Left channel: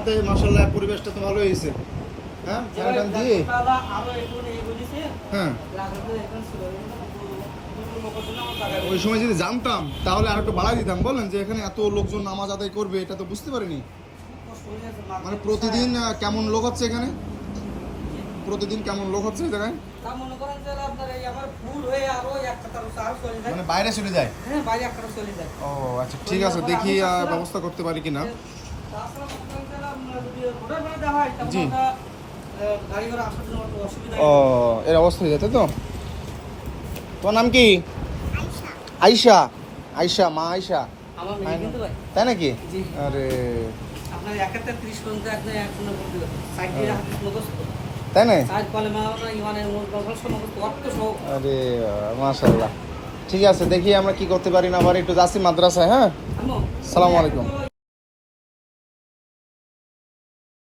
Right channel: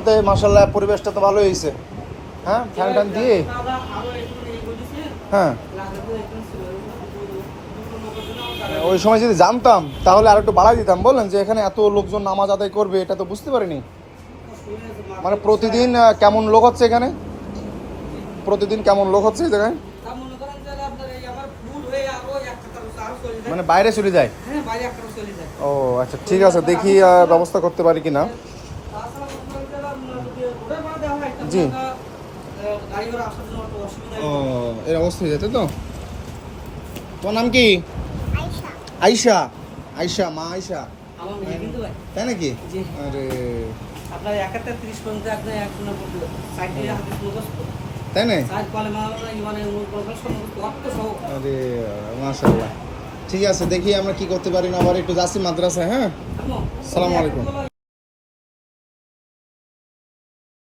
রহমতে মাশাআল্লাহ পরিবেশটা তো ভালোই হয়েছে। হ্যাঁ, ফ্যান ট্যান দিয়ে। হ্যাঁ, ওই সময় যদি জানতাম তাহলে আর একটু বাড়াই দিতাম। বললেন যে এখানে এত লোকজন নামাজ আদায় করবে, এটা তো বুঝতে পারিনি। মানে প্রতিদিন কেমন লোক হচ্ছে এখানে? প্রতিদিন কেমন লোক হচ্ছে এই জায়গায়? মানে বাইরে চলে যায়? ও আচ্ছা, ঠিক আছে, দেখি ব্যবস্থা করতে পারি কিনা। জি, ও এর অবস্থা হয়ে যেত তো। তোমার নাম কি? আয়শা। আয়শা, মা আয়শা, তাই নাকি? আরে আপনার 31 পর্যন্ত আপনি এখন তাই না? আরে আরে মাশাআল্লাহ, ঠিক আছে, দেখি আমরা কি করতে পারি না পারি। একটু যাচ্ছি মাদ্রাসায়। হ্যাঁ, আসসালামু আলাইকুম।